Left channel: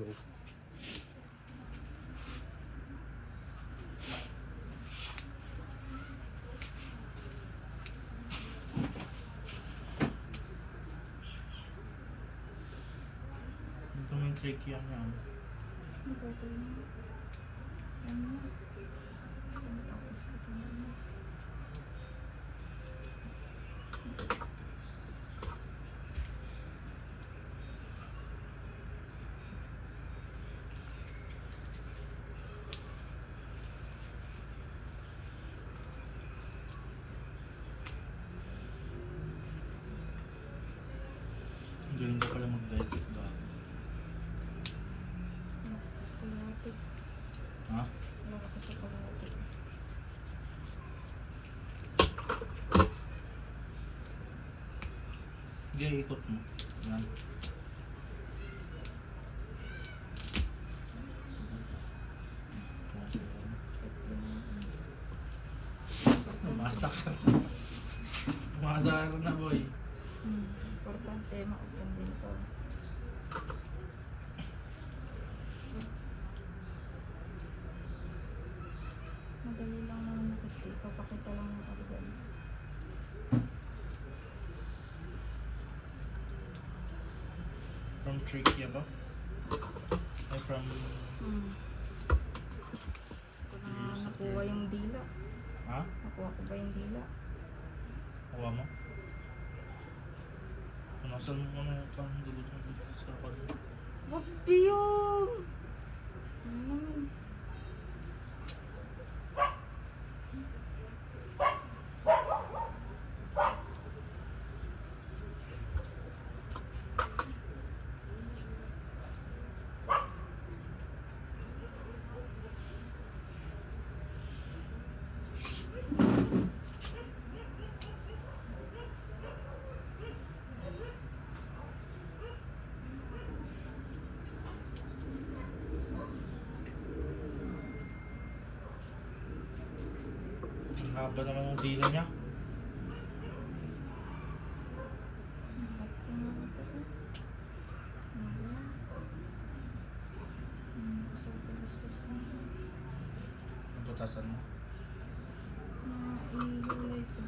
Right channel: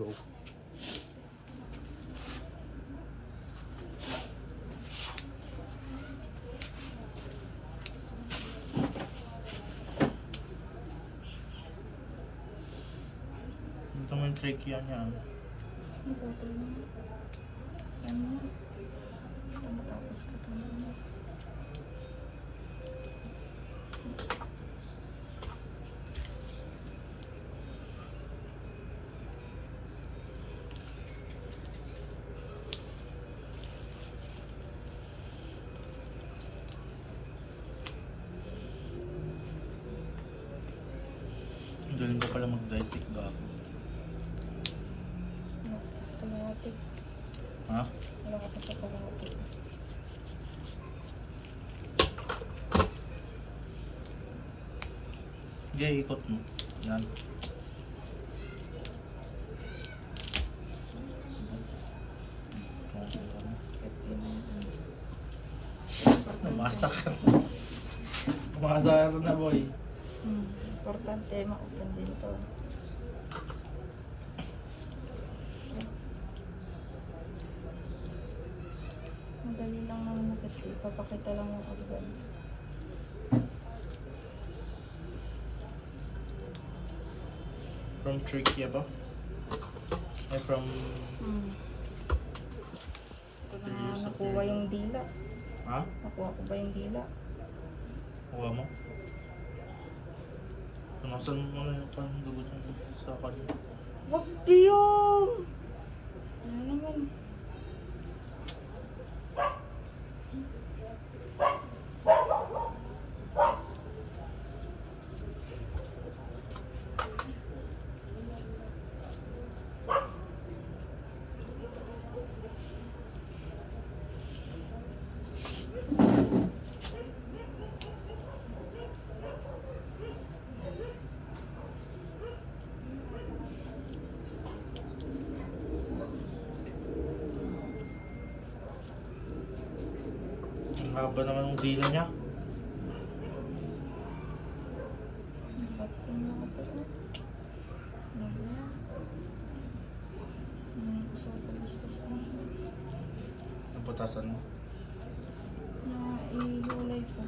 Go. Ito mo yung trachea niya. Galing ka pala mag-dissect ba? Kalahati. Ha? Kalahati sa kalahati. Sige, ikot mo. Yan. Namasak. Namasak na boy. Importante, ma-open din to. Madali lang naman nakita. Ipapakita lang yung organs. From trachea ba? Eh, from... Ito na nakuha yung dila. Ha? Nakuha ko ba yung dila? Kuha mo? Nasaan mo na yung dugot mo sa kanila? Wag biyong! Ano naman? Ang haba naman ng dila niya. Ba't ko na ito? Ano ba yan? Ano ko sa palistas na? Ang putasan mo. Ihulay ko.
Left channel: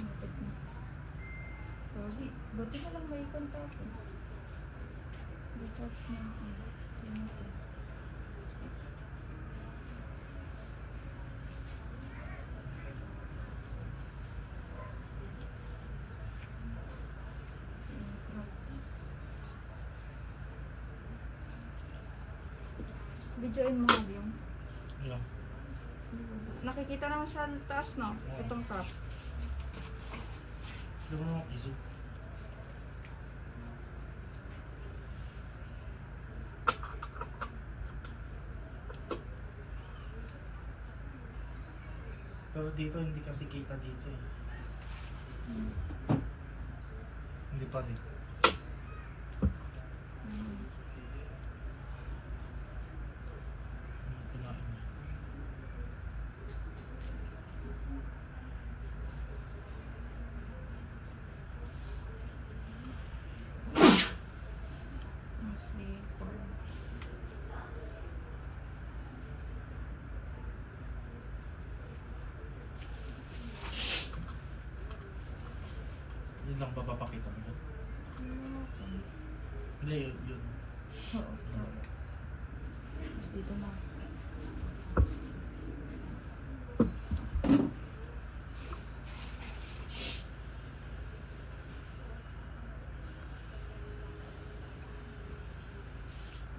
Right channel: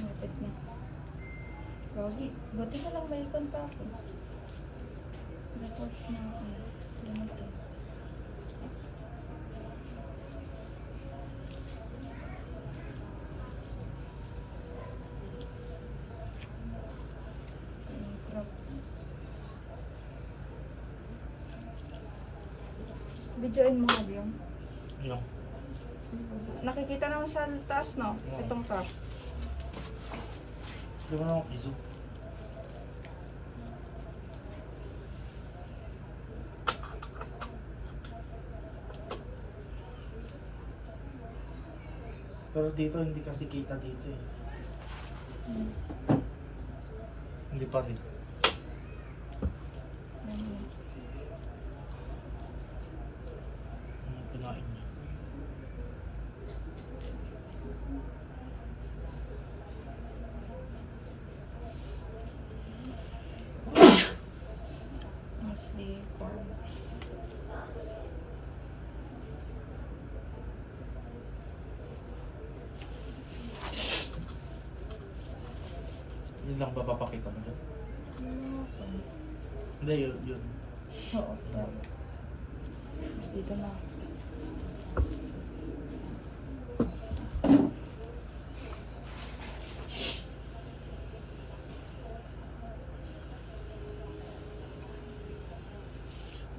Lapit na. Gagi, buti na lang may kontrako. Report na ako. Lumaki. Crop. Videoin mo nga yung. Yung. Nakikita naman sa taas, no? Itong crop. Hindi mo na ako piso. Pero dito hindi kasi kita dito eh. Hindi pa rin. Yan. Ang pinain niya. Mostly for Yun lang ba papakita mo dyan? Hindi, yun. oo, crop. Tapos dito na.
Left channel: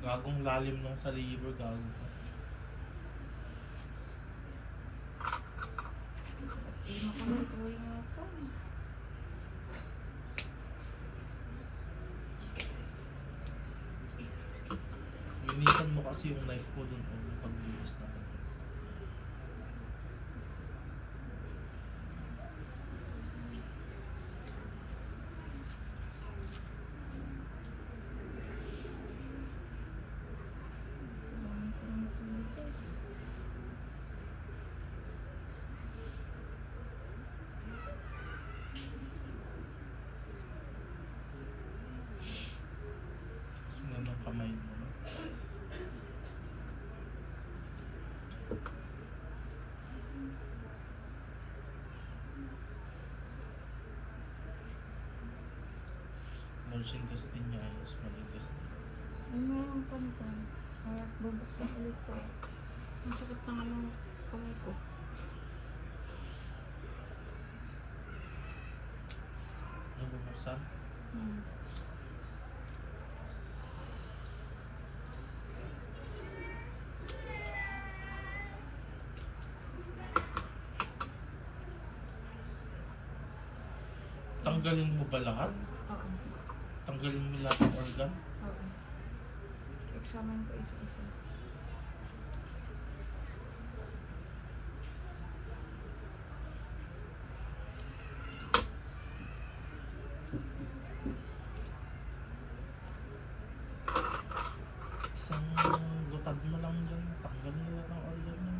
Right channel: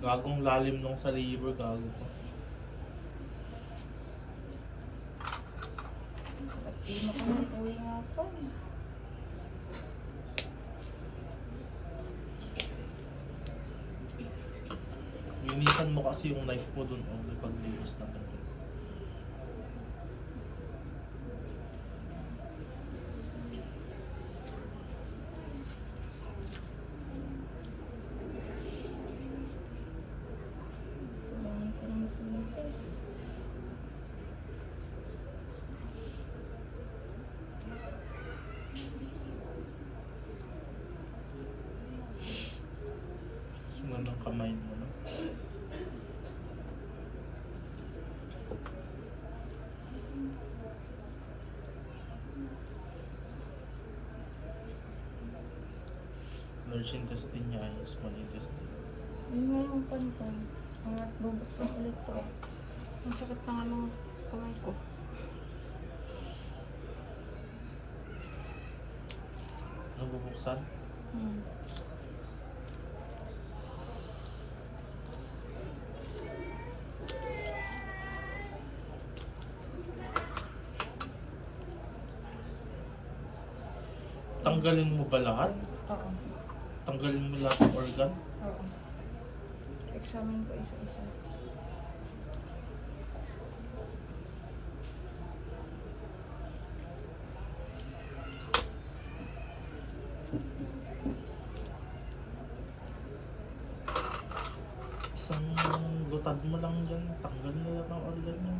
Gagong lalim nung sa liver, gago pa. At di makamituwi nga ako. Linisan mo kasi yung knife mo dun. Oh, paglinis naman. Kailangan ko ng pieces. Sunod ng kamay mo, no? Nursing test din niya, ayos maligas din. Yun nga yung pan ko. At bubuksan ulit to. Ang sakit na nga ng kamay ko. Nabubuksan? Hmm. Tanggalin mo ba lahat? Oo. Tanggalin mo lahat ng organ? Oo. Examine ko isa-isa. Isang lutad mo lang dyan. Tanggal mo lahat ng organ mo.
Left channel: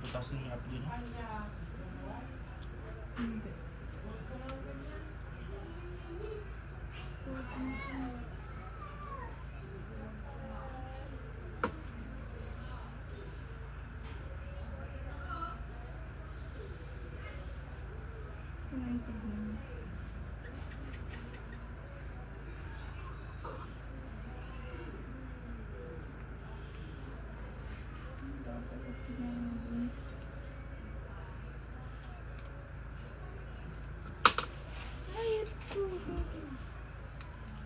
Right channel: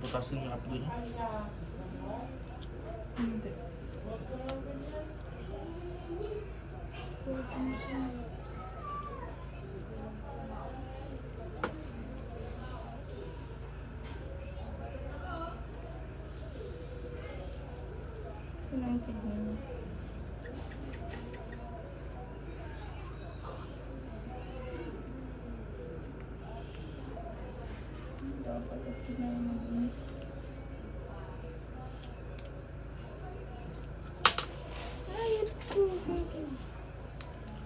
Butasin nga ako dun. Hindi. Sino yung kidney mo? Dapat at kidney mo din.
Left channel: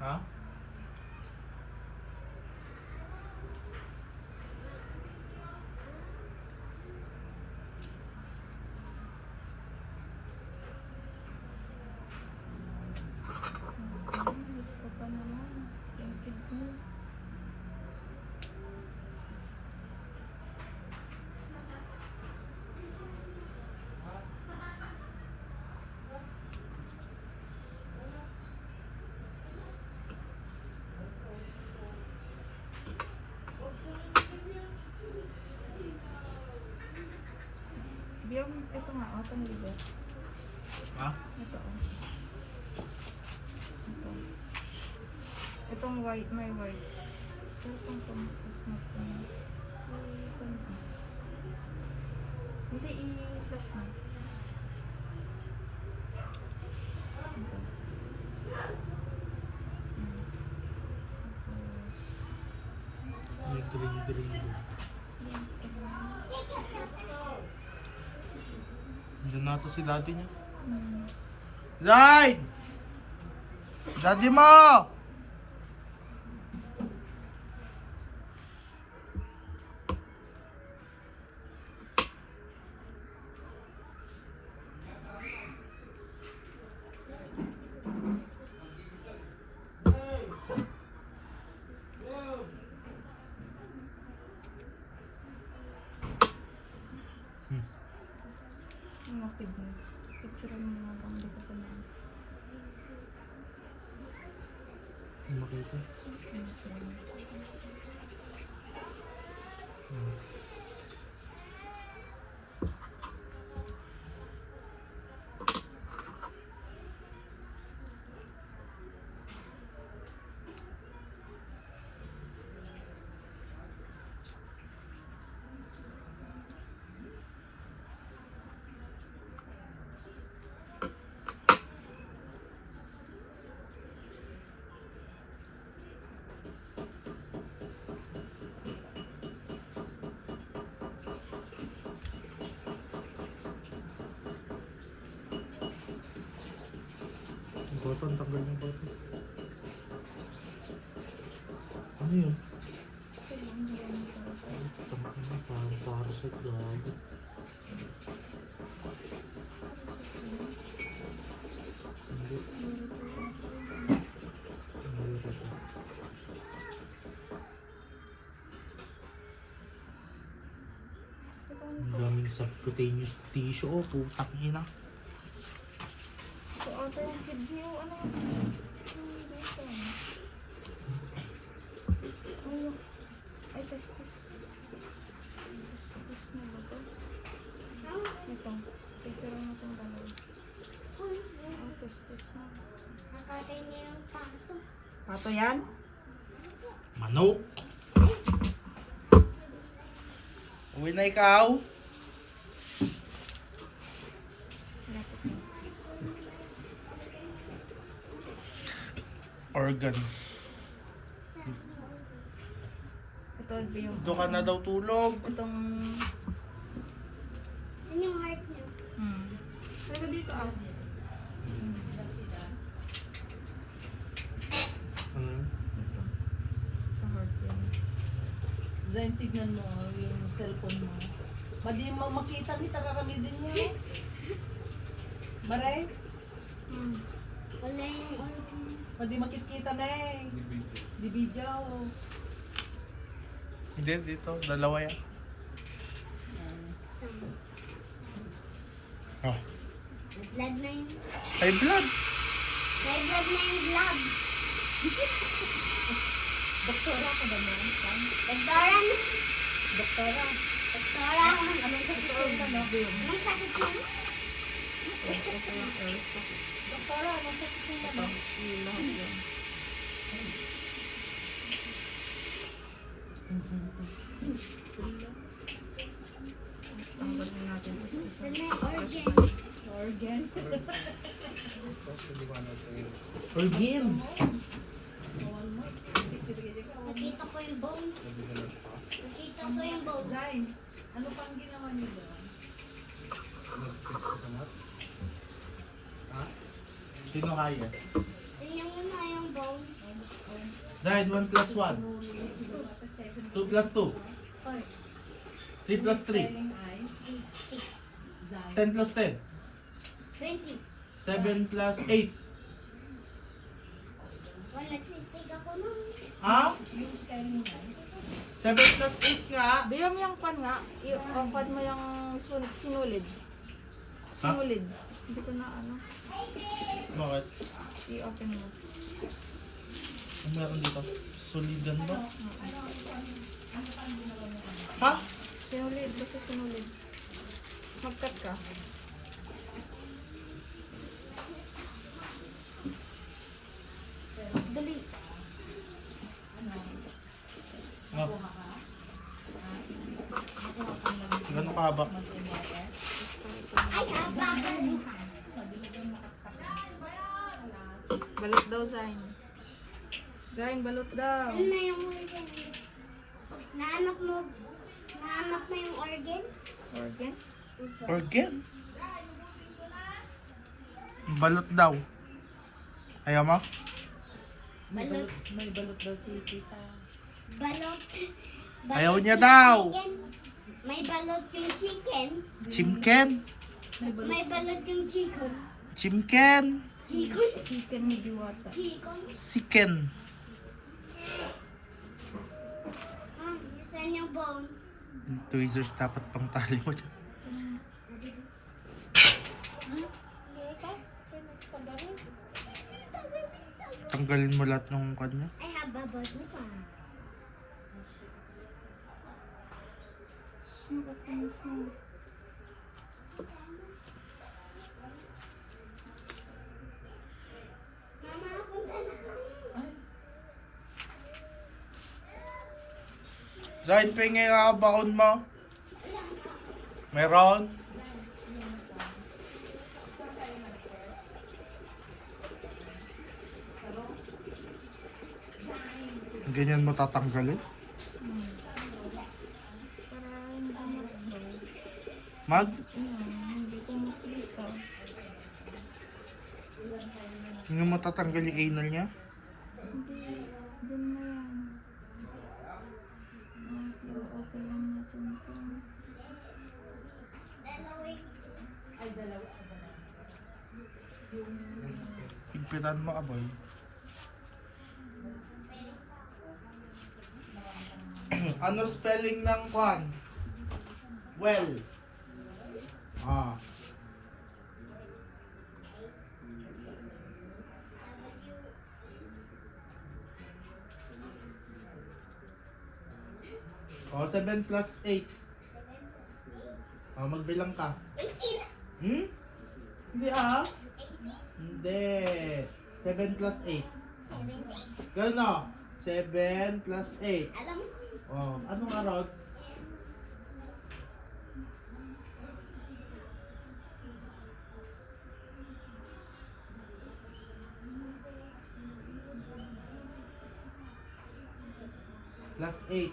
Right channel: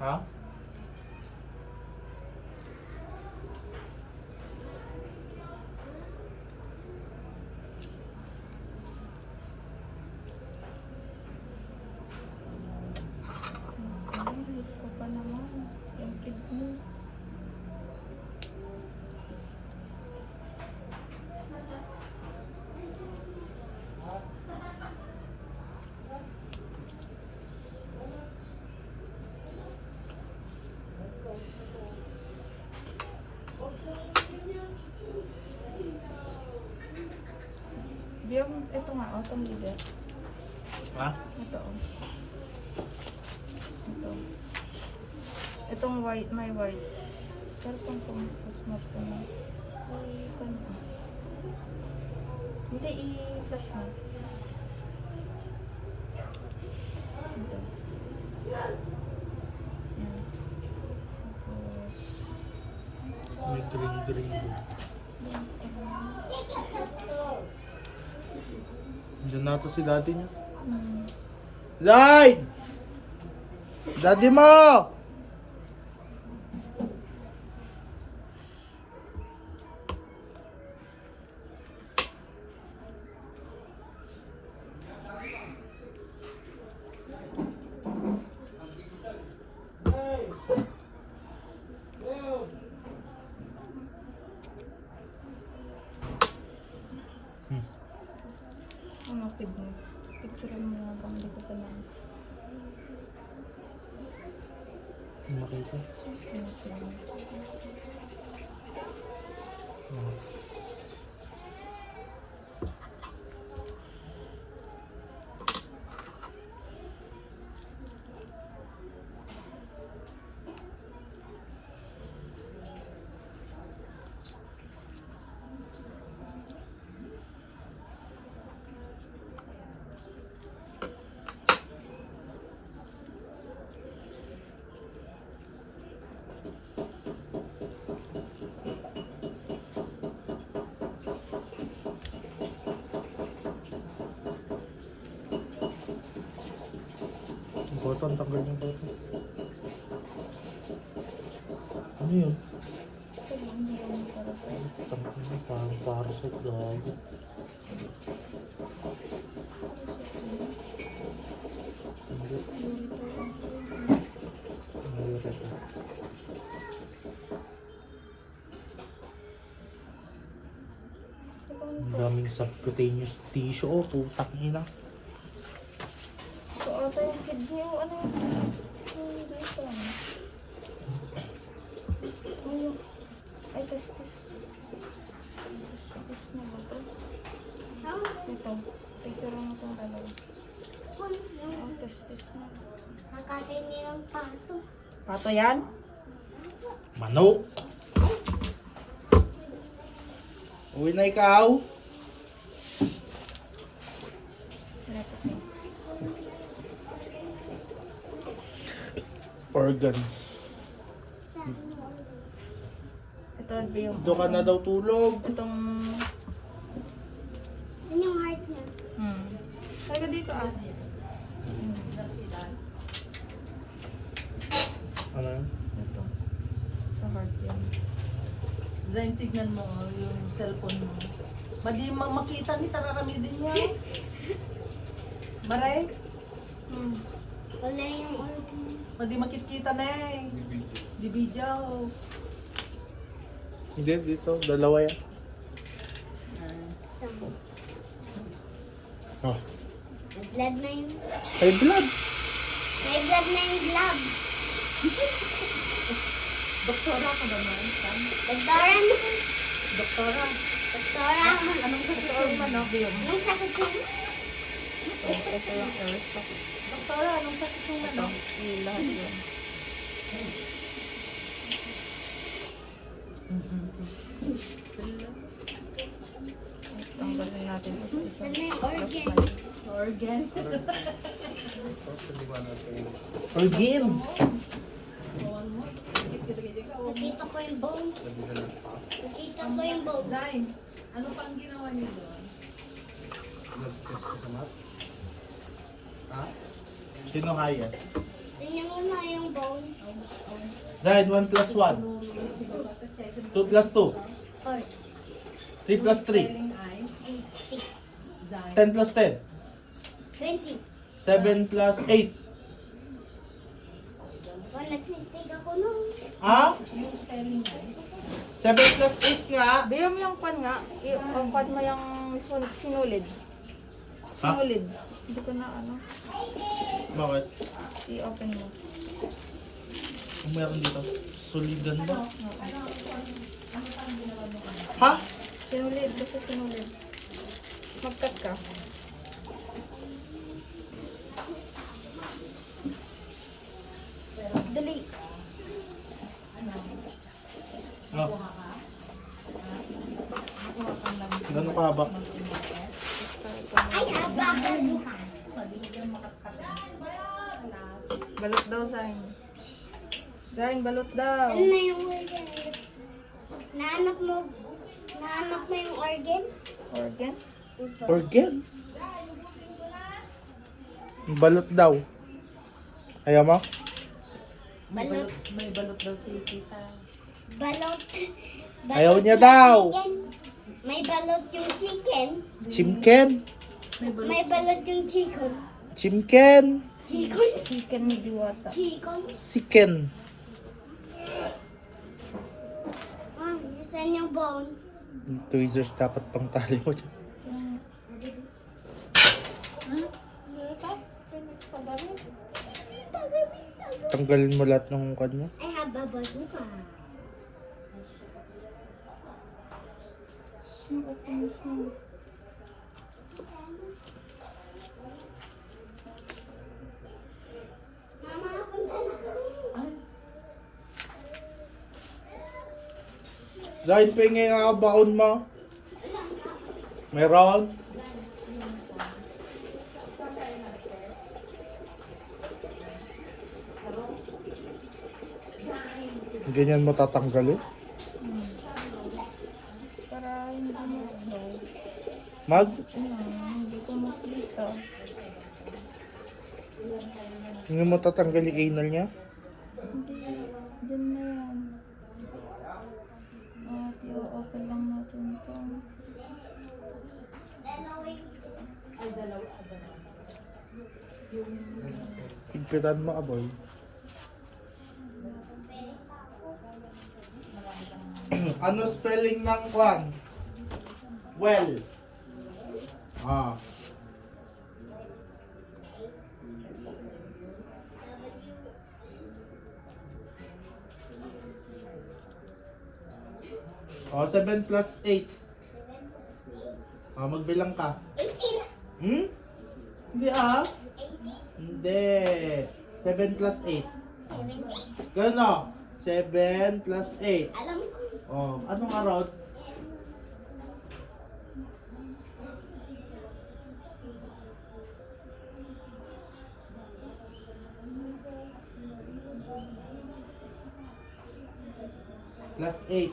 Ha? Ay, ko pa naman. Yung kidney. Biyong, ito nga, itong liver. Ha? Ito, oh. Ito. Itong white, may white. Pero itong pumustos mo ito na. Ito na. Hindi, i-flash mo. Ito. Yan. Tapos, May green. Diyan na to si daddy niya. Zaid! Daddy mo! Ang kidney. Picture mo nga bang hindi ko pa na. Makita. Ang kidney. Ito, ang tanggal niya pa ito. Ano yun? Ito lang, hindi ako parasite. Tanggal niya, parang parasite gago. Hindi. Mayroon ito. Ang daming subcutaneous tissue. Oh, putak nila. Ito ata yung kidney o ano yung dito. Ay, ay, testis. Testis na ba ito? Ito. Picture mo itong dalawa. Oh, testis na. Nakatay nilang pato. Pato yan? Manok! Uwi na ikaw! Lapit mo. Organ. Ito yung... Doon ka na daw tulog. Itong... Ano yung heart niya? Talaga dito ah. Ano yun? Ito. Sa heart yan. Zain, tignan mo yung cellphone mo. Madi makita ni tararamidin niya. Baray? Wala yung organ. Madi makikita na eh. Di video. Hindi, dito. Dalawa yan. Sama. Oh. May blood na yung... May blood! May blood na yung glove. Doktora ka ba na? Doktora na. Doktora. Doktora. Anong sakit mo no? Anong sakit mo? Ito yung earth. Doktora, anong sakit mo Ito. no? Yung lahat yun. Tanggalin natin ito sa isang Ano yung plus organ? 5. Organ. Organ! Nakita ko yung bone. Nakita ko yung bone. Zain, ano pang ginawa niyo doon? Sino highest? Tingnan mo na yung bone. Zahid, 1 plus 1. 2 plus 2. 4, 3 plus 3. 8, 6, 10 plus 10. 20. 7 plus 8. Wala, nagsistig ako nun. Ha? Yung spelling mo. 7 plus 8 nga. Biyo mo yung kwan nga. Yung kwan mo yung sinulid. Sinulid. Hindi ko na ano. Bakit? I-open mo. Kung meron dito. Solidan ba? Ha? Sinulid. Basta sinulid. Mag-cut ka. Dali. No. Gano'n ka ba? Ay, haba. Balot daw, Zain. Zain, balot daw. Ano na yung organ? Nahanap mo yung organ? Organ? Organ? Balot daw. Ayaw mo? Balot. May balot daw si tita. Balot. Ayaw niya yung daw. chicken. May balot yung chicken. Chimken? May balot yung chicken. Chimken? Chicken? Chicken ni Diwata. Chicken? Siken? Ah, saan yung bone? Tweezers dapat pang tali mo dyan. Tanggalin mo lahat ng kanya. Ay, haba bazooka. Mama, punta na. Dahil pengi nga baon mo. Meron? Ganyan mo tatanggalin? Para hindi mo daw. Mag? Hindi ko makita. Hindi mo tatanggal yung anal niya? Hindi, dyan na yan. At i-open lang natin ito. Ay, dalawa. Pigpiran mo, aboy. Ano spelling ng kwan? Well. Ah. Oh, 7 plus 8. Oh, magbilang ka. Hmm? Hindi ah. Hindi. 7 plus 8. Ganun o. 7 plus 8. Alam ko. Oh, anong araw? Plus 8.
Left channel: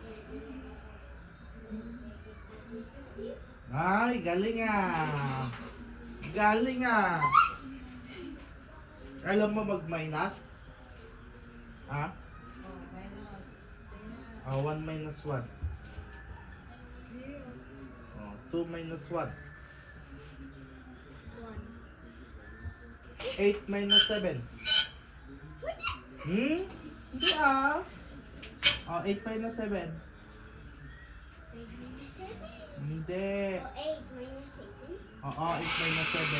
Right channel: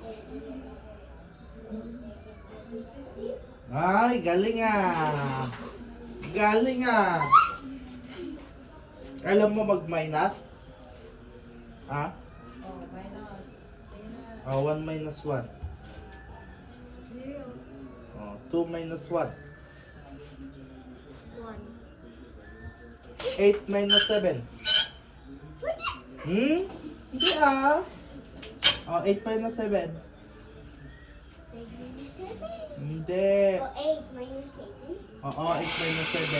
Ay, galing ah. Galing ah. Alam mo mag-minus? Ha? Oh, 1 minus 1. Oh, 2 minus 1. 8 minus 7. Hmm? Hindi ah. Oh, 8 minus 7. Hindi. O 8 minus 7. Oo, 8 minus 7.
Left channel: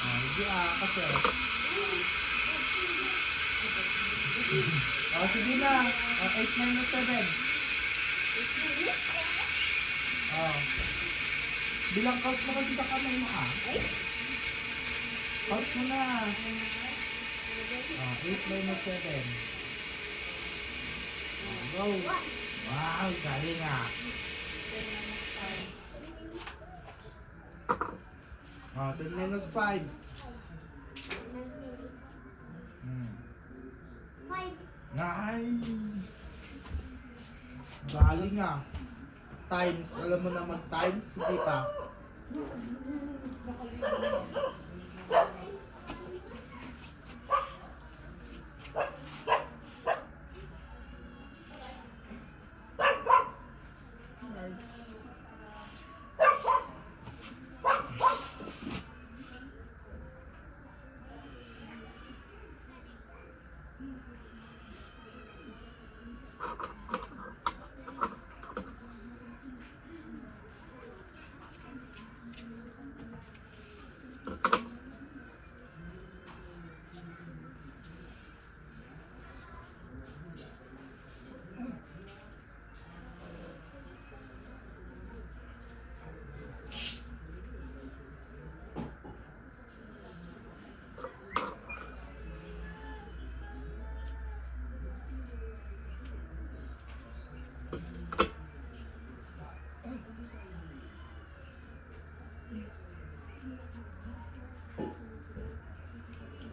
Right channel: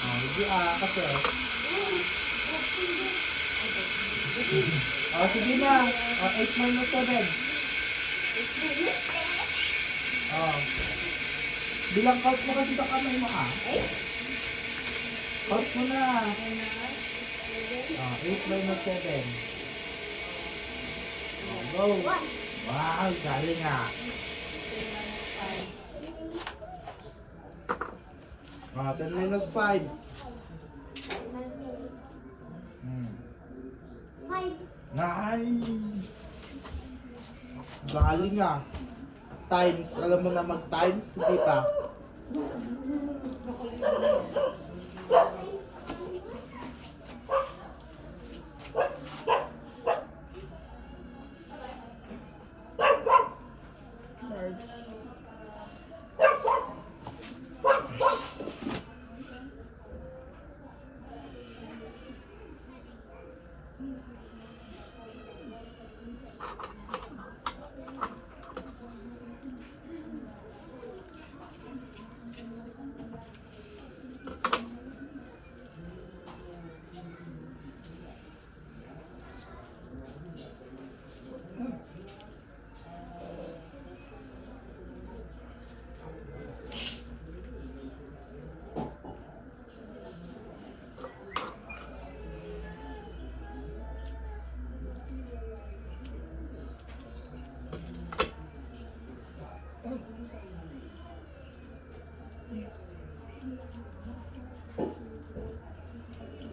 Oh, hindi ah, kasi. Oh, sige na. Oh, 8 minus 7. Oh. Bilang count mo kasi sa kamay mo ah. Count mo na. Oh, 8 minus 7. Oh, go. Wow, galing ah. Oh, 10 minus 5. Hmm. 5. Ay. Galing ah. Times. Alam mo na mag-times? Hindi pa. Large.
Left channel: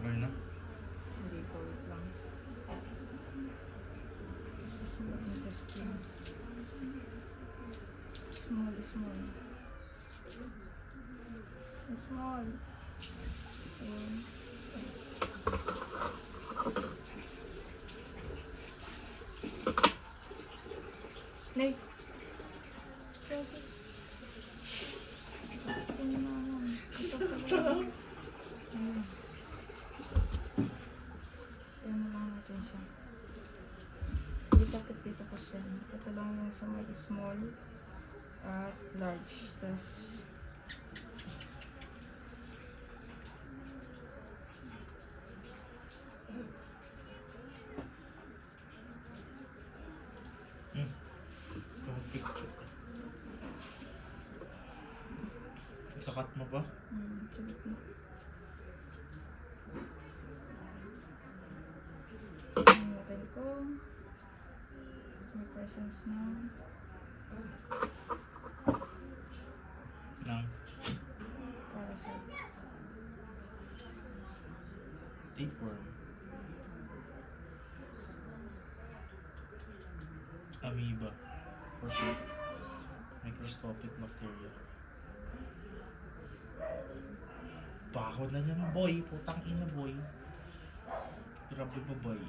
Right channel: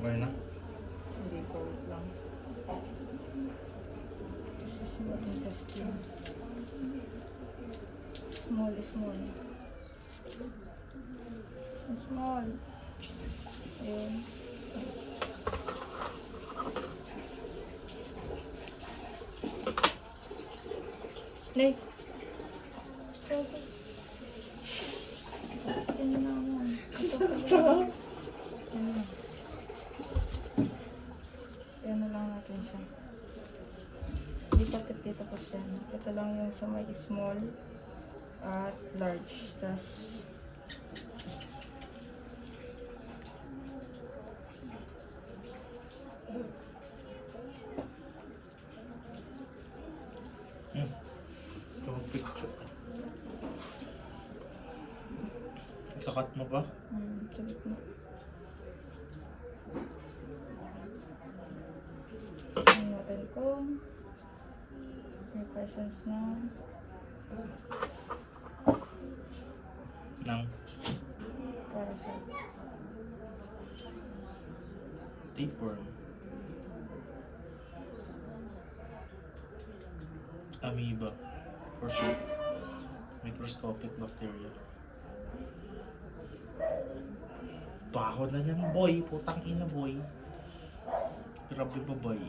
Ngayon na. Hindi po, wait lang. This is more interesting. Small, small. Small. Ayun. Nay. Ayun naman. Ito pala. Ayun. Yan na lang natin siya. Hindi bakit dito po siya. Ito lang yung sa may small at large. Tapos Ito, picture. Kakat mo pa? sa gitna. Tingnan natin kung may presence na Nang parasite. tapeworm. Amoeba. For sure. Microscopic bacteria. Baho na yan, boy. Putang ina, boy. Grabe ba, boy?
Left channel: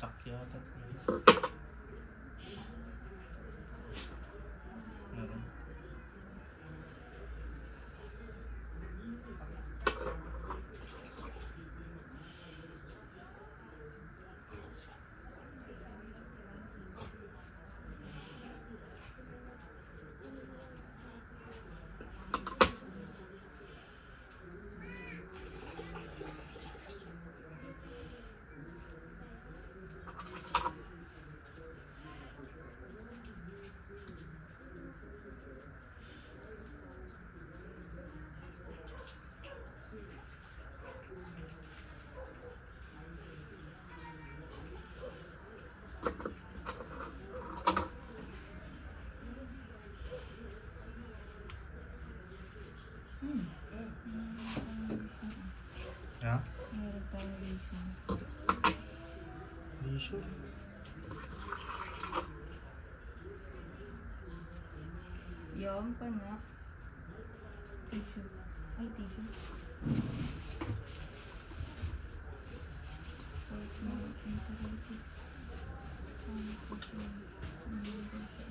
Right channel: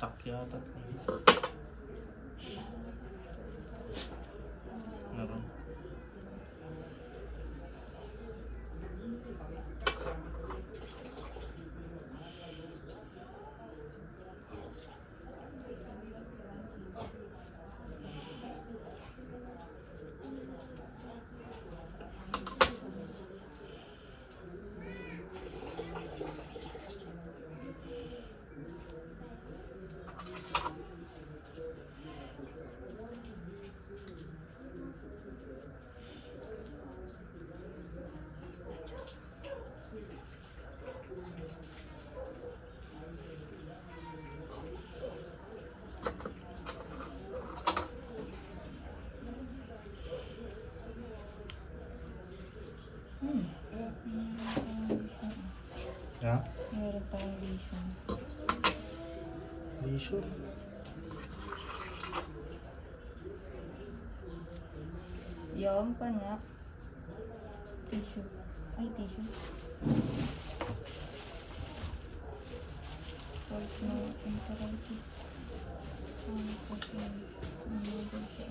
Takyata. Meron. Ha? Meron tayong vision. Vision? Yung panak. Tissue. Ay, tissue. White na enteritis. Ano po siya? Ano po siya?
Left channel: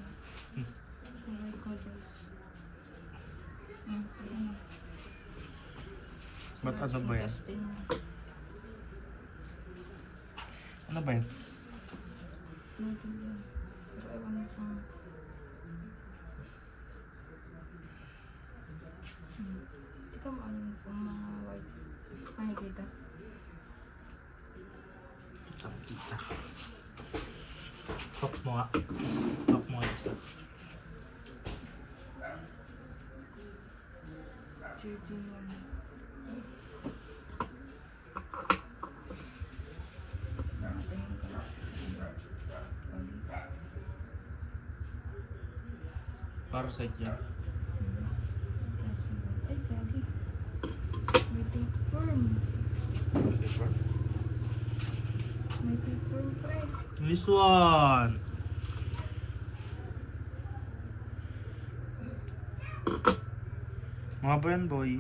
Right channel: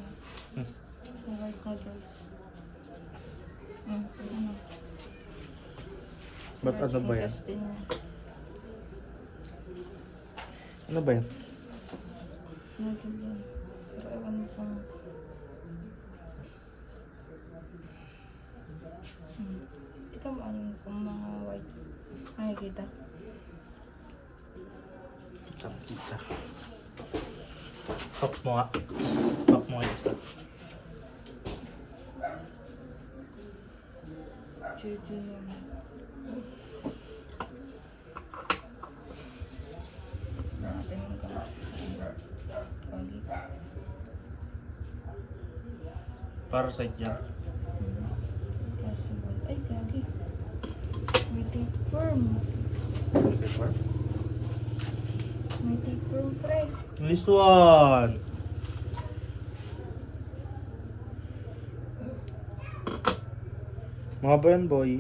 White nodules. Ano? Ba't ano ba yan? Intestine niya. Ano ba yun? Nodule yan. Pero ewan mo kung... Tika mo ano kung mga white. Ay, kita. Kita. Pop mo nga. Pop mo nga isa. JD naman. Natin yung kamay sa pagi. Parasite yan. Possible. Ay, gagi. May tapeworm. May tapeworm, pre. Nice one! Mga ba yan, boy?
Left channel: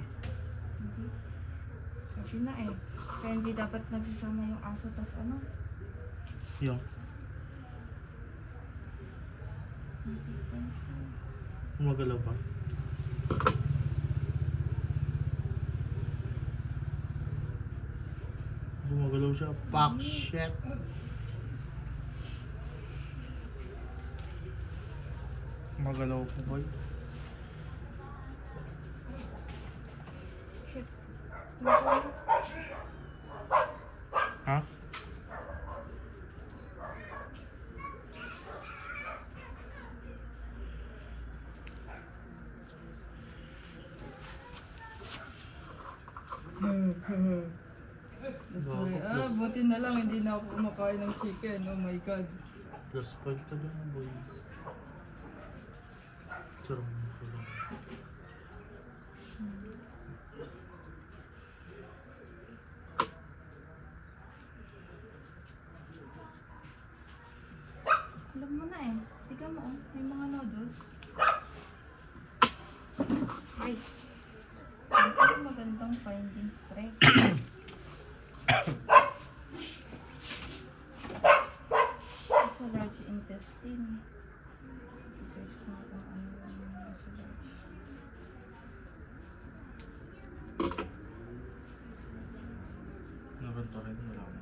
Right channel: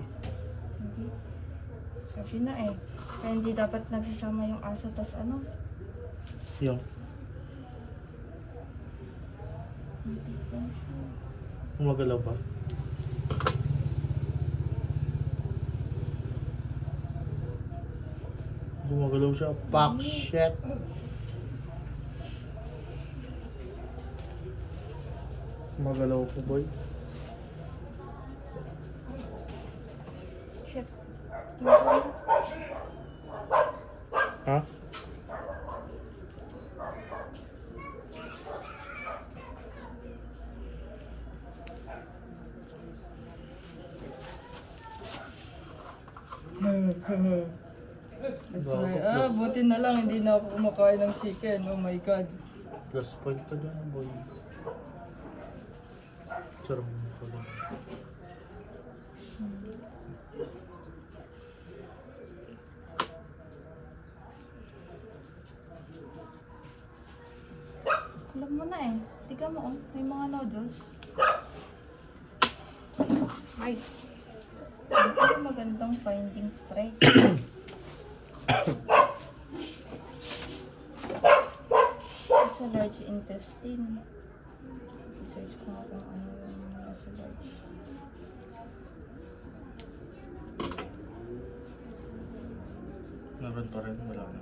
Hindi. Sabi na eh. Kaya hindi dapat nagsasama yung aso tas ano. Yung. May tapeworm siya. Gumagalaw pa. Gumagalaw siya. Fuck shit. Gumagalaw ko, boy. Shit. Ha? Buti na lang hindi na ako kumakain ng chicken. Oh my god. Plus point ka dyan, boy. Sarang ka lang. Alam mo na eh. Tiga mo oh. May mga noodles. Nice. Ito magandang finding spray. Sa large intestine. I-search ko nga kung ano yung nasa large. Meron pa rin, wala na.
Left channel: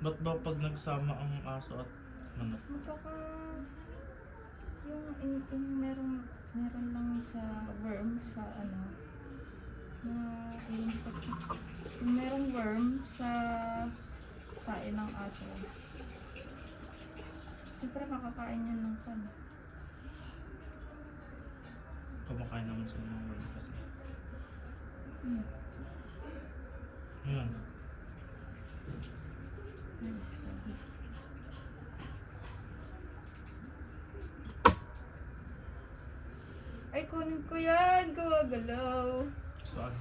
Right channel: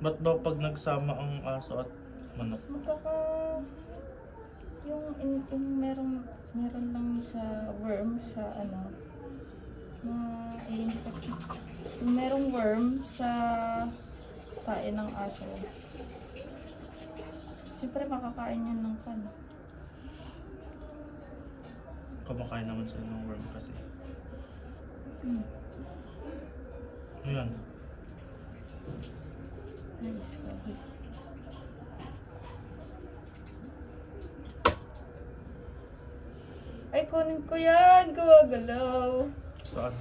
Ba't ba pag nagsama ang aso at manok? Magkaka... Yung meron lang sa worm sa ano na yung merong worm sa kain ng aso. Siyempre makakain yan ng kan. Kumakain naman sila ng worm kasi. Ayan. Nice. Lagi. Ay, kunin ko yan. Gawagalaw. Saan?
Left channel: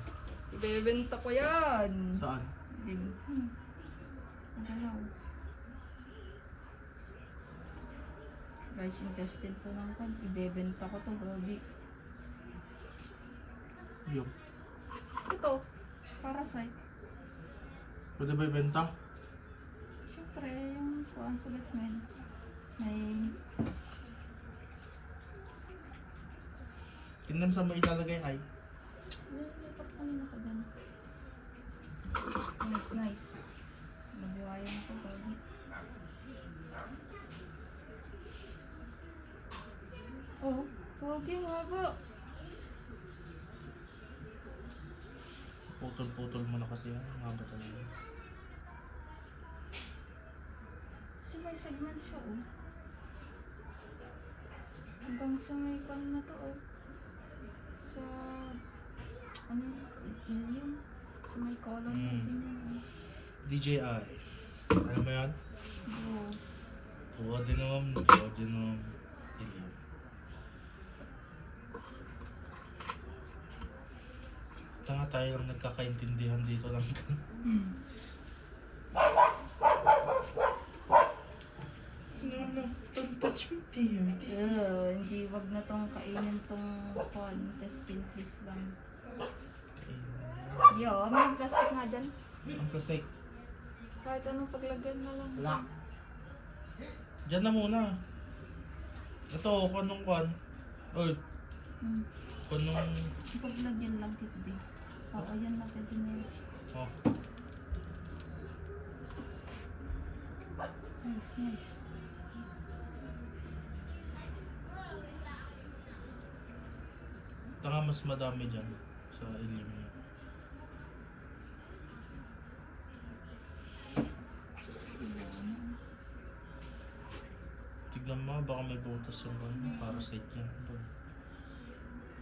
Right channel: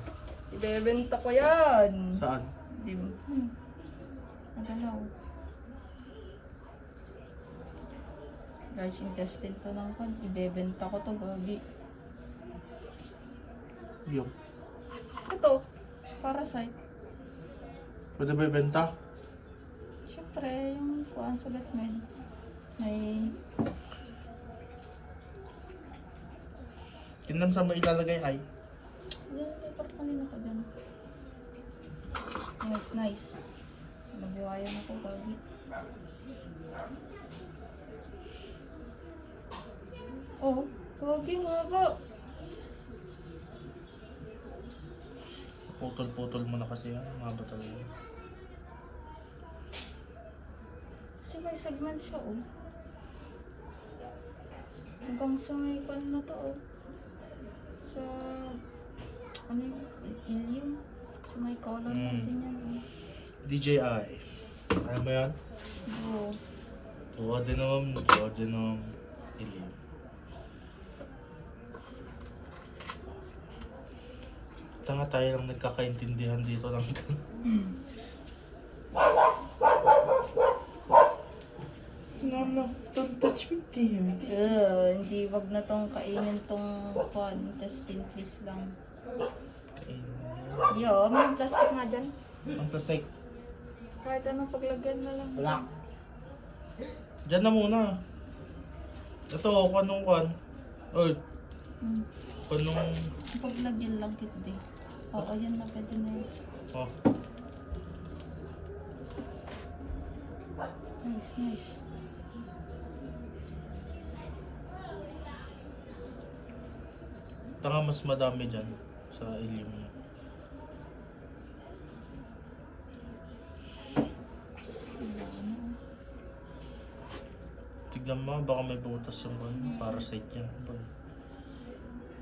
Ibebenta ko yan. Saan? Di mo. Magalaw. Large intestine to ng kwan. Ibebenta ko to, gabi. Yung. Ito, parasite. Pwede ba ibenta? Siyempre, yung kuhaan sa Batman. May Tingnan sa mo ilalagay ay. yan, may parang ka dyan. Nice, nice. Magiwayan ako, gabi. Oh, gagi nga ba? Putol-putol mo na kasi yan. Mga ba talaga? Kasi may segment siya, oh. Hanggang sa may kwan na to, oh. Sa, ano yung, ilium. Sa may colon natin yan, oh. DJI. Ano mo yan? Oo. Duodenum, ileum. Tanga tayo lang nagkakaintindihan dito ng No, don't touch me, dear. Hindi, wag na tong kainin tong kwan. Intestine, please lang. Yo, may plastic nga dyan. Ang plastic. Kahit anong paglagyan na lang. Wala. Diyan na muna. Ito, kung anong kwan. Oy, Hmm. kung anong... Paglagyan lang kit di. Oo, yan na pwede na yun. Oh, Nice, nice. tanga mas madami dyan sa ileum. Wala na. Tignan mo, baka may butas yung kwan. Parasite yan. Boy.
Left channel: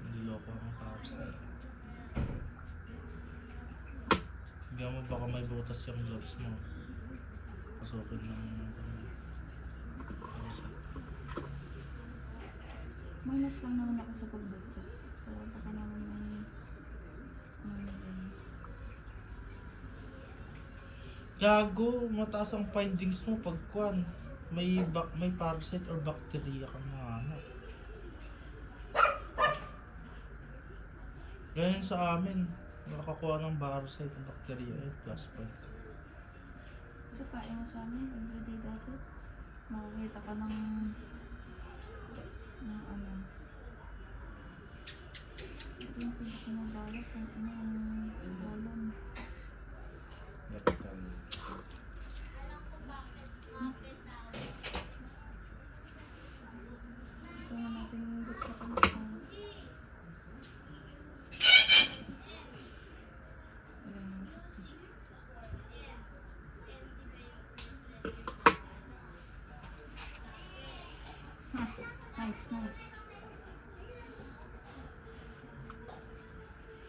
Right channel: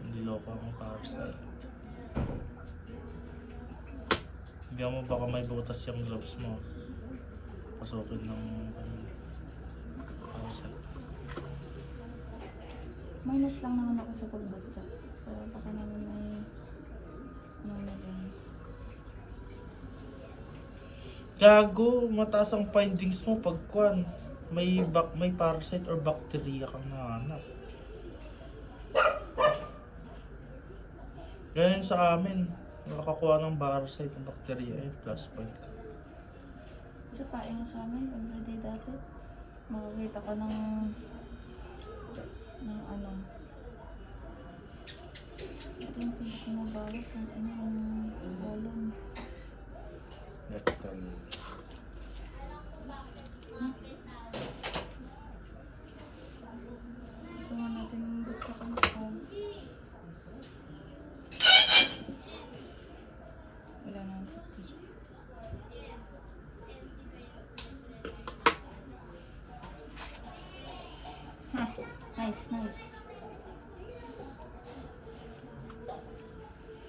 Hindi loko ang parasite. Tignan mo, baka may butas yung gloves mo. Pasukin ng parasite. Minus lang naman ako sa pagbagsak. So, baka naman may ano na din. Gago, mataas ang findings mo pag kwan. May parasite or bacteria kang nahanap. Ganyan sa amin. Nakakuha ng parasite o bacteria ay plus point. Sa kain na sa amin, everyday dati. Makakita ka ng ano. Ito yung pinakamabalat ng ano yung colon. Rectal. Ito nga natin yung butsa ka na. Wala na. Ha, nice, nice.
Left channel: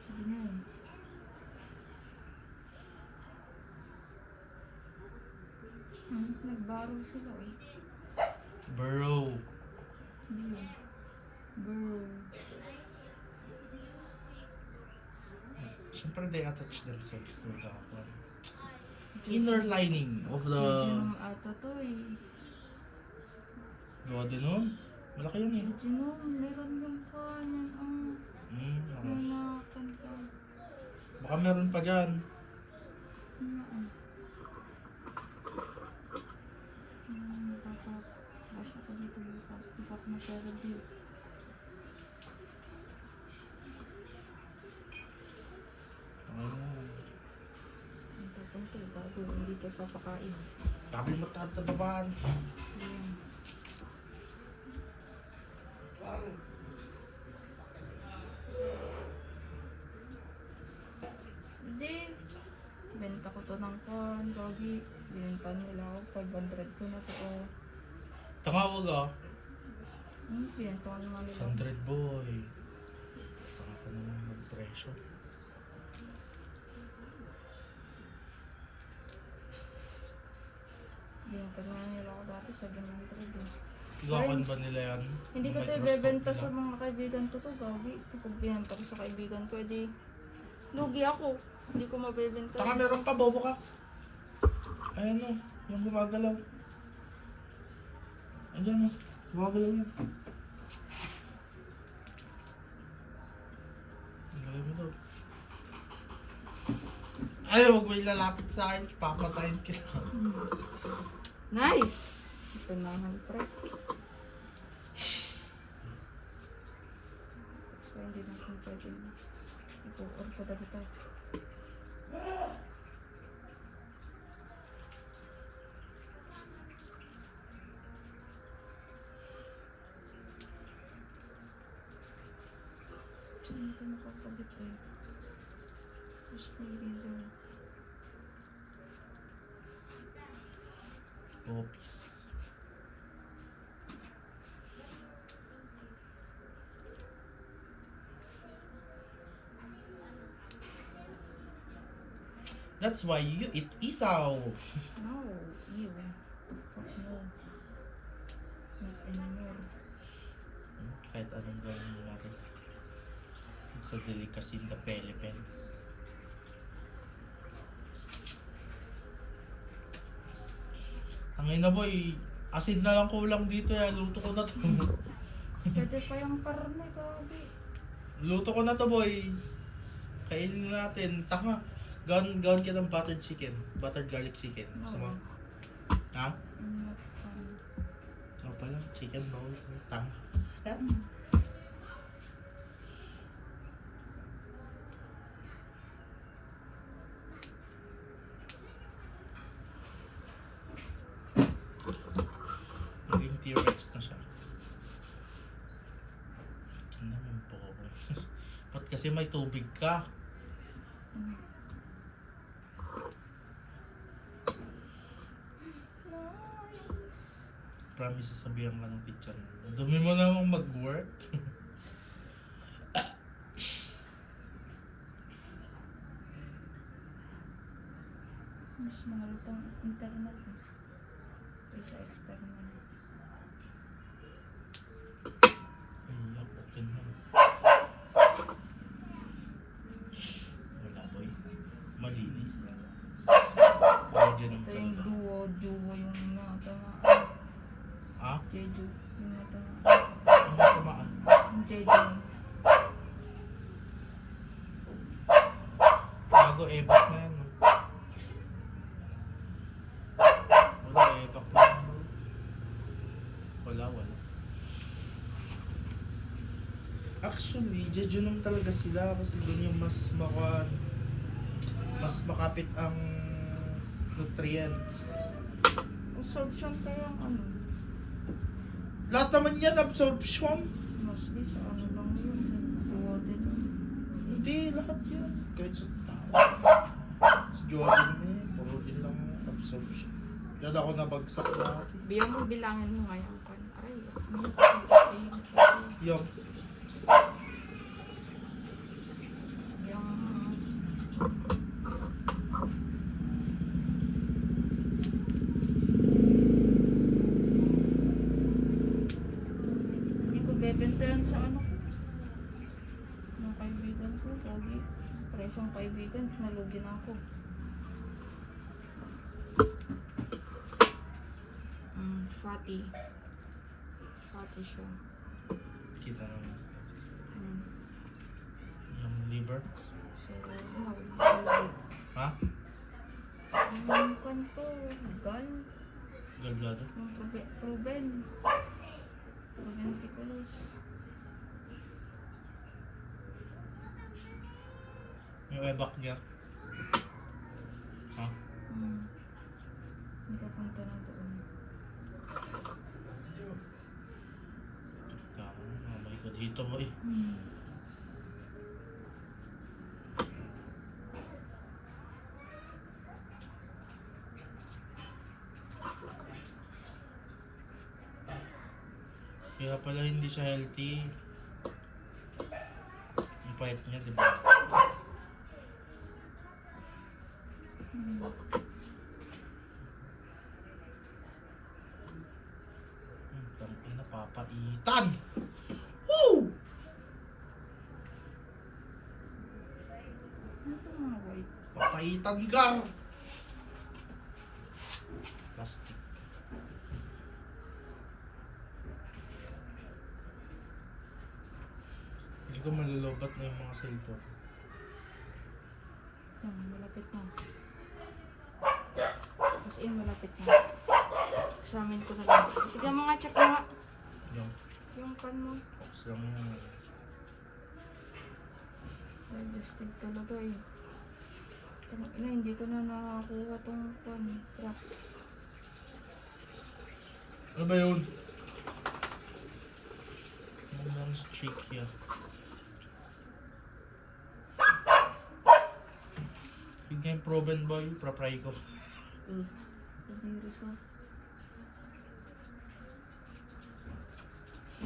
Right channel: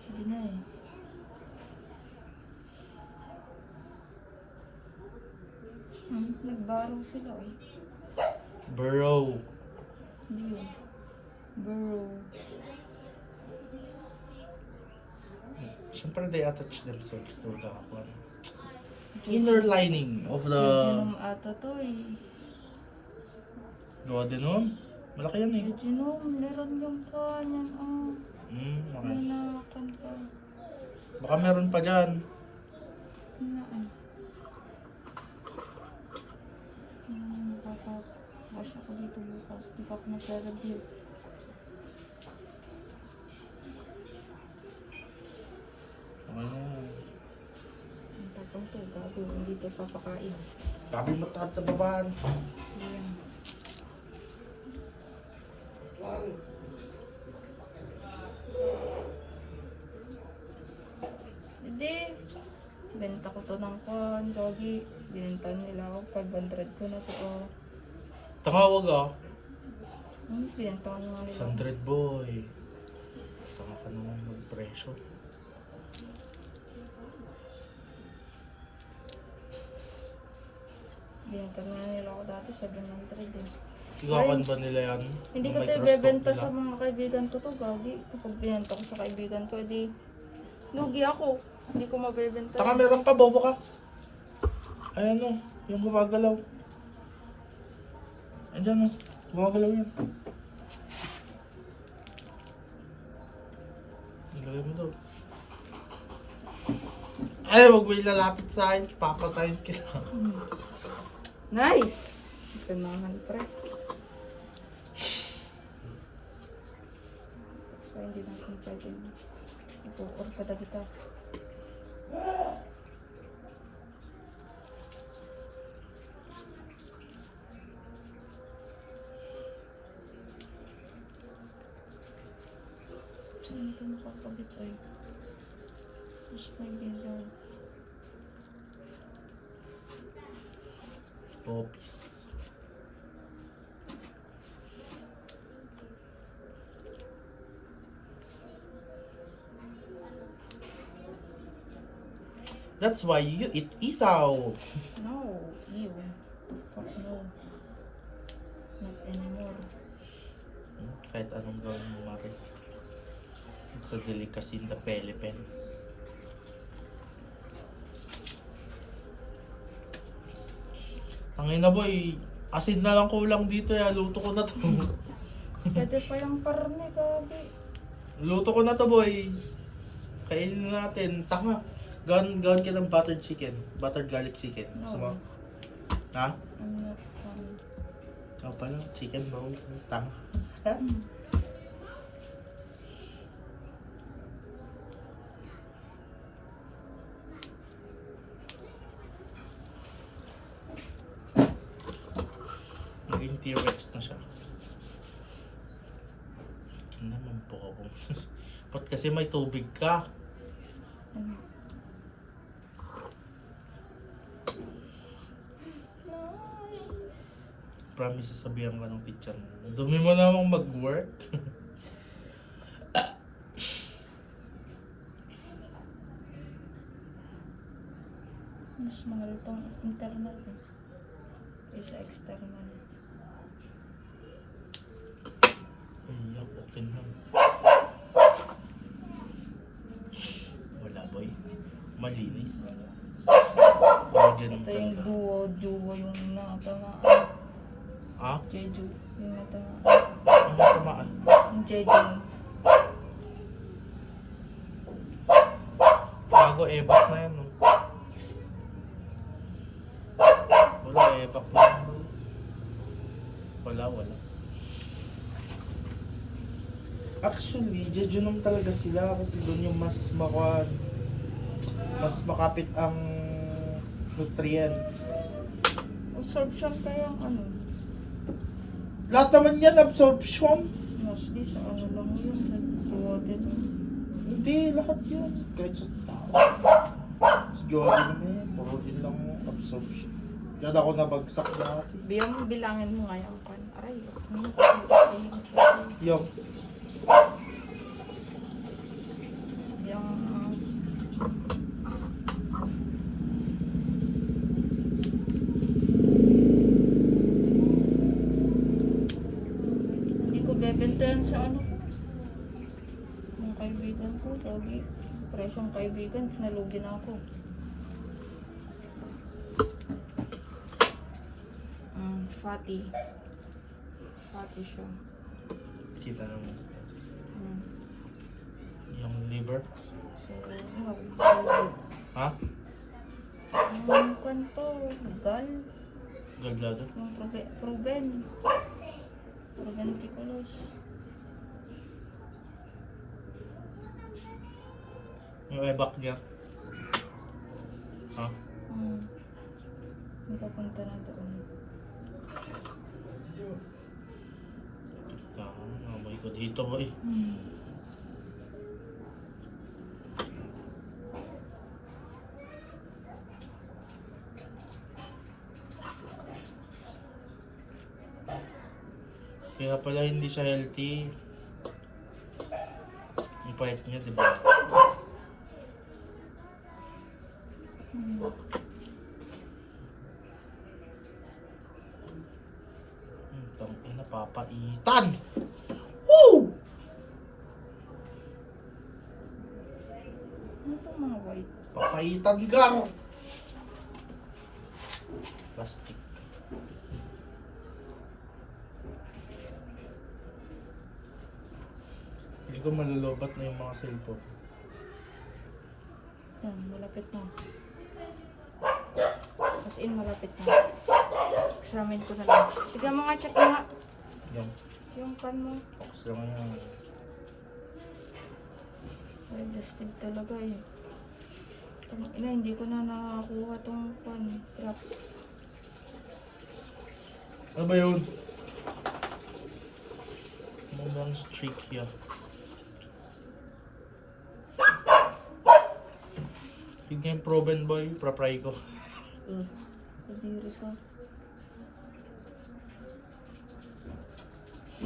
Hindi na eh. Nagbarong sila eh. Burrow. Hindi yun. Burrow. Siyempre they attach themselves to the inner lining of the Jejunum ata to eh. duodenum. Malaki yan eh. Jejunum, meron yung kanyan. Okay. May nakan ka. Baka meron pa dyan. Na Nakaka-wash ako dito bukas. Hindi pa ako nag-review. Okay na yan. Ang tapang to, bago hindi ito papakain. Sabi mo tahat sa babaan. Ayan. Hindi. Benta ko to ng kon, gogi. Binintan nila ako. 500 ko na to. Oh. Tangawag ah. Binenta ko naman nila. 600 boy. Baka ka naman mag-presyo. Binenta na nila ako dati 700 eh. Ikakan ba nila yan? Hindi ko May ito cross ibebenta talk sa nila. mga kaibigan ko to, gagi. Kapag binenta ko sa kaibigan ko, edi lugi ako. Hindi ko mabebenta. Taka meron ka, bobo ka. Ayan o, yung gumagalaw. Ayan o. Gumagalaw yan. Ilagay mo doon. Ay, huwag mo ilalapit sa akin. Papatayin kita. Nice! Ganahan, pre. So, hindi natin pwedeng ipo-orka na kita. Saan ito nakakabit ay? Where's my lizard? Popis. That's why you eat isaw. No, ew. Fuck no. Not anymore. Kahit anong gawin mo mare. It's a delicacy in the Philippines. Ang ina boy, asin na lang kulang dito ya. Luto ko na to. Pwede pa yung karne, gabi. Luto ko na to boy. Kainin na natin. Tanga. Gawin ka ng buttered chicken. Buttered garlic chicken. No. So, ha? I'm not funny. Ako pala, chicken rolls. Tanga. Naging T-Rex na siya. Ano naman po ako? Ba't kasi may tubig ka? Promise sasabihan ka ng teacher mo. Dumi mo namang mag-work. Mas mahal itong internal eh. Isa external. Iyak, okay na. Wala boy. Malinis. Tawag yan ng Ito yung ganda. duo yung natamaan. Ha? Jeju, yung natamaan. Ano tamaan? Yung Jeju. Bago ebak na yan. No? Wala ebak na yan. Boy. Wala. Actually, jejunum talaga sila kasi doon yung mas makapit ang nutrients. Absorption kaya ang ano. Lahat naman yan, absorption. Mostly sa ano lang yun. Sa water lang. Hindi, lahat yun. Kahit sa tao. Sa Jordan eh, puro din lang absorption. Yan ako nabagsak dati. Biyang mo bilangin mo nga yung kan. Aray, ano kasi Yung, yung hindi ko bebentayan sa ano ko. Yung kaibigan ko, lagi. Presyong kaibigan, nalugi na ako. Fatty. Fatty siya. kita naman. Mm. Yung liver. So, no, lugi. Ha? Yung kwento, gal. Gallbladder. Yung proven. Proventiculus. Yung ebak niya. Ha? Nagpapunta na doon. Oh my god, dito boy. Kaya pala hindi siya healthy. Yung payat niya, di ba? Tangin na papaitan! Woo! Ano itong mga white? Papaitan ka! Plastic. Hindi ko malulubat na yung mga cellphone. Yan, malapit na. As in, malapit na. Examine ko na lang. Tiga mo nga, check mo nga. Yan. Yung pan mo. Box lang yan. Digestive talaga eh. Ina, hindi ko na nakakuha tong pan. Crap. Ano ba yun? Ano bang streak yan? Yung game proven boy, papray ko. Kadiri ka.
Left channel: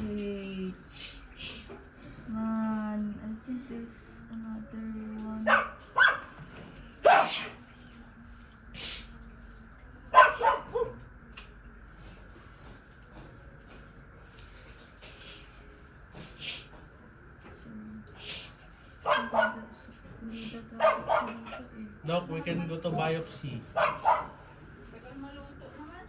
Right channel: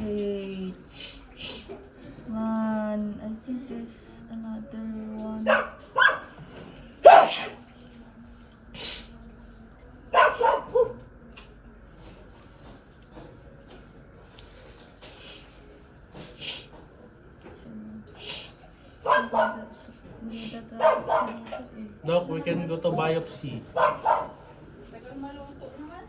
Wait. Man, I think there's another one. Hindi dagat sa dito eh. Doc, we can go to biopsy. Tagal malungkot naman.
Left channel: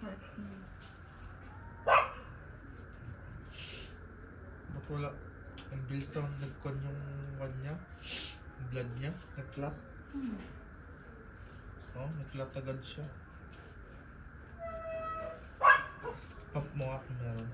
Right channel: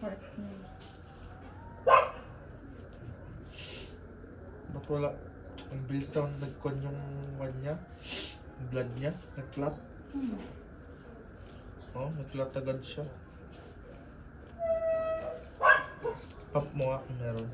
Heart niya. Ba't wala? Ang bilis na nag-con yung one niya. Yung blood niya. Nag-clot. Oh, nag-clot agad siya. Pump mo nga kung meron.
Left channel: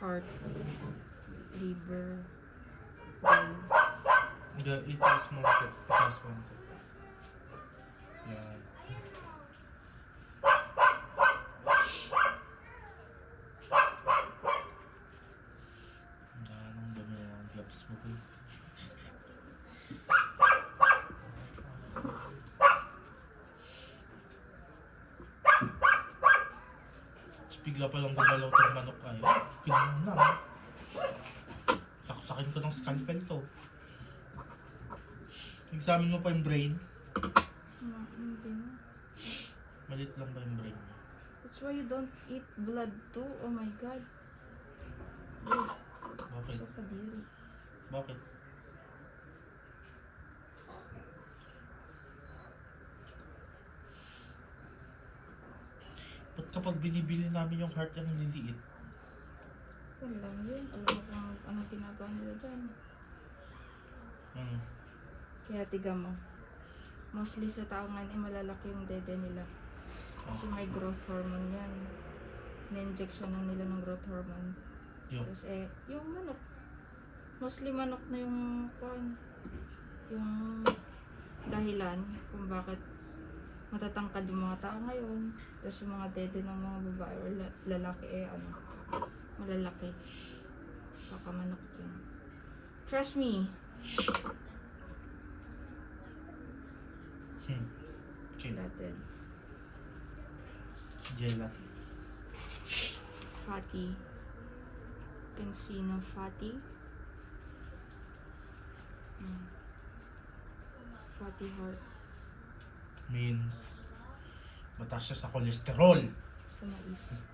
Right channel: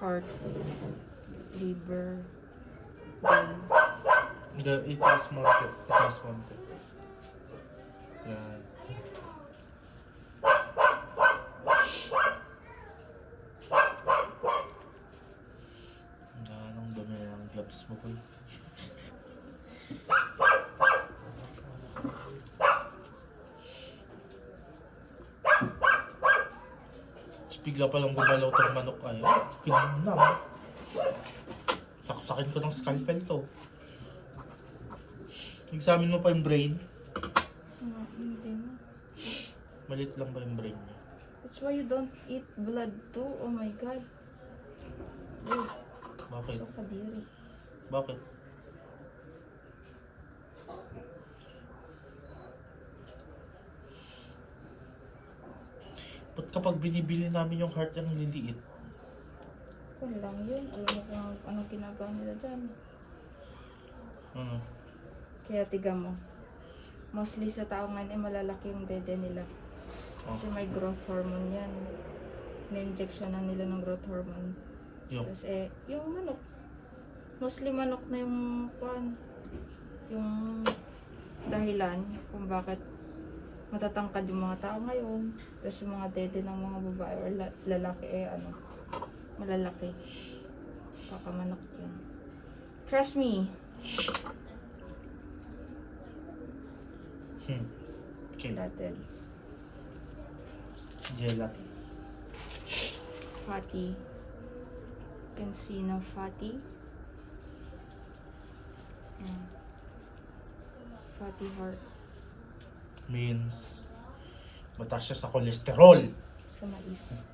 Heart, liver, brain. Hindi, itaas mo ito. Itaas mo ito. Yan. Anong dumi ng gloves mo po? Bigla pa lang gumalaw tong manok ay. Kinamnam. Saksakin ko ng scalpel to. Examine mo pa yung brain. Hindi mo. Malit lang ba yung brain niya? That's why you don't eat blood too. Oh my God. Ew, Bakit? so kadiri. Bakit? Ba't kapag binibili namin yung heart ang liliit? Wala lang yun. Alam mo kung anong ginagawa nila dyan. Kaya tiga mo. Mostly sa tao ngayon ay malalaki yung dede nila. Kasi may growth hormone yan. Na-injection na nila ng growth hormone. Yung, Tapos yung manok. Mostly manok na yung yung dahilan kung bakit matatangkad yung mga tao ngayon. Tapos yung mga dede ng mga babae or lalaki malalaki. Kakamanok yun. Trust me. okay. Gelatin. Gelatin. Fatty. You can see na fatty. Fatty heart. Means mataas siya sa cholesterol. Sa mais.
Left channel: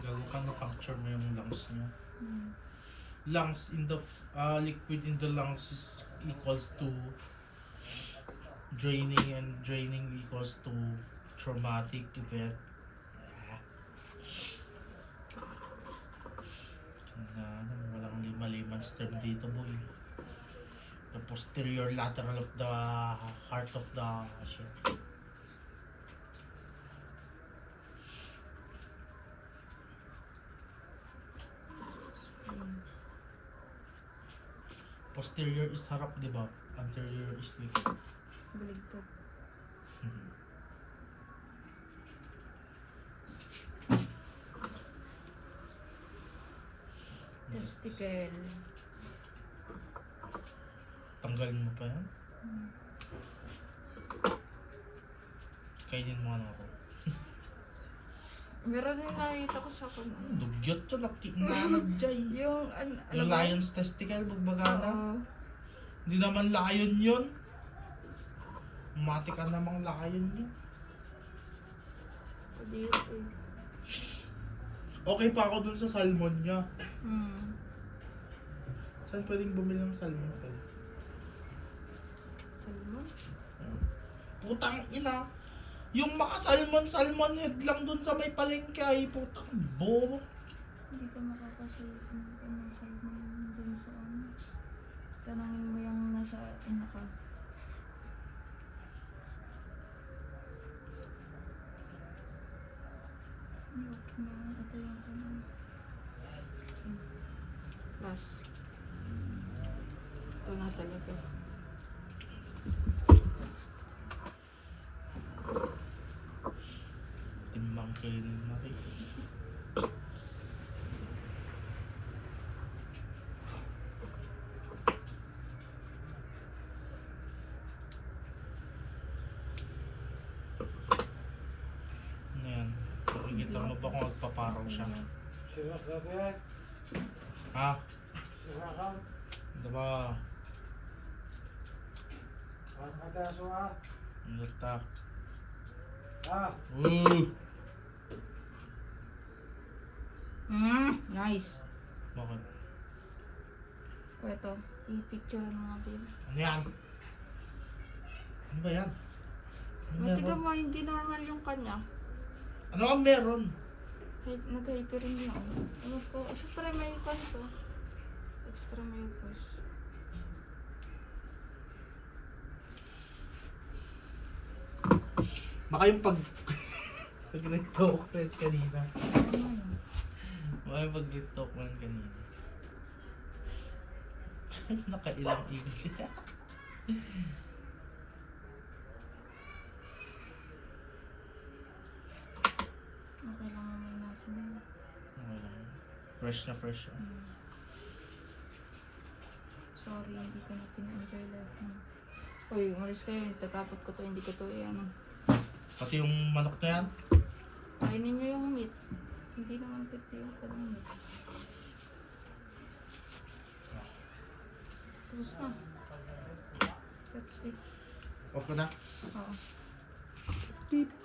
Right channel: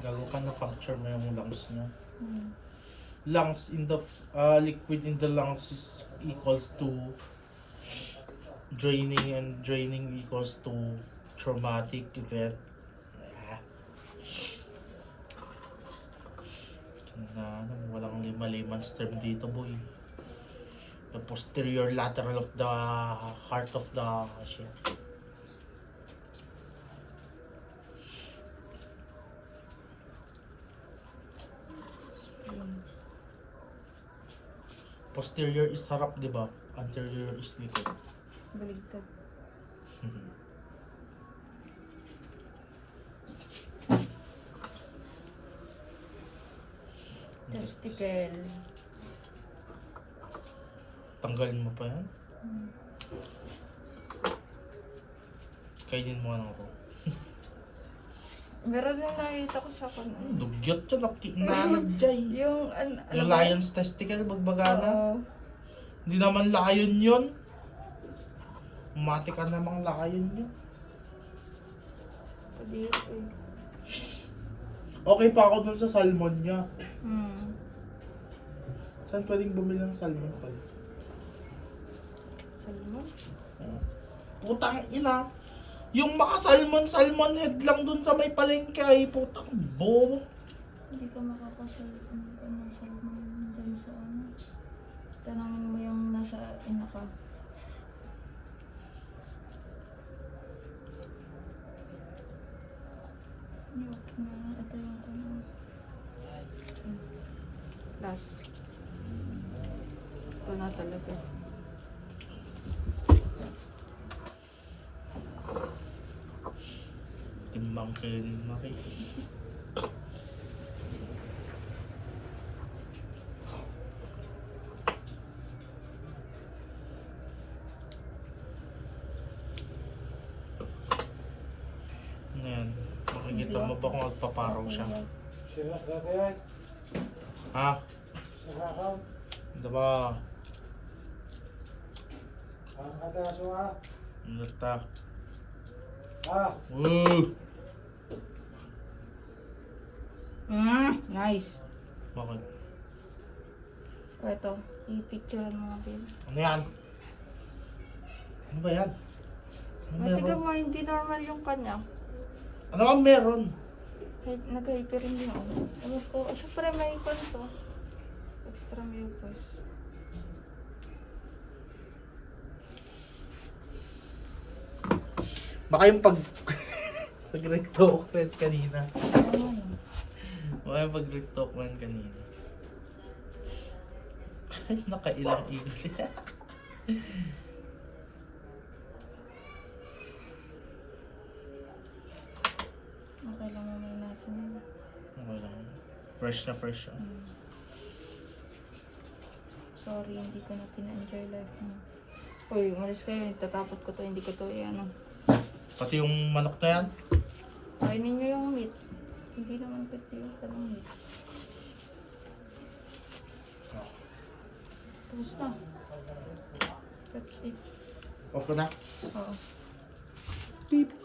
Gago ka na puncture mo yung lungs niya. Lungs in the liquid in the lungs is equals to draining, and draining equals to traumatic event. Walang lima-limans term dito, boy. The posterior lateral of the heart of the shit. Posterior is harap, di ba? Anterior is likod. Baligtad. Testicle. Tanggalin mo pa yan? Kainin mo ano to. Meron din nakita ko sa kanya. Dugyot yun, nanag dyan. Yung, Yung lion's testicle, magbagana. Oo. Hindi naman lion yun. Mati ka namang lion yun. Kadiri eh. Okay pa ako dun sa salmon niya. Hmm. Saan pwedeng bumili ng salmon ko? Salmon? Putang ina. Yung maka-salmon head lang dun sa may palengke ay putang bobo. Hindi ka makakasalmon ng salmon dun sa ano. Tanangin mo yung nasa inaka. Yok na. Ito yung ano. Last. Ito na talaga. Timbang kayo rin maki. Ayan. Makikita mo ba kung magpaparaw siya? Ha? Diba? Ano ta? Woo! Nice. Bakit? O ito, i-picturean mo nga Bill. Ano yan? Ano ba yan? Ano Matiga meron? mo, hindi normal yung kanya. Ano ang meron? Nag-hyper rin yun. Ewan ko, syempre may kanto. Extra mucus. Baka yung pag-rectalkment kanina. Ano? Baka yung pag-rectalkment kanina. Nakailang igil siya. Okay lang mo may nasa mo. Fresh na fresh siya. Sorry, hindi ko na pina-enjoy life mo. Uy, umalis kayo. Tatapot ko to, hindi ko to ano. Pati yung manok na yan. Kainin nyo yung meat. Hindi naman pipili ka ng meat. Tapos na. That's it. Off ko na. Oo. Beep.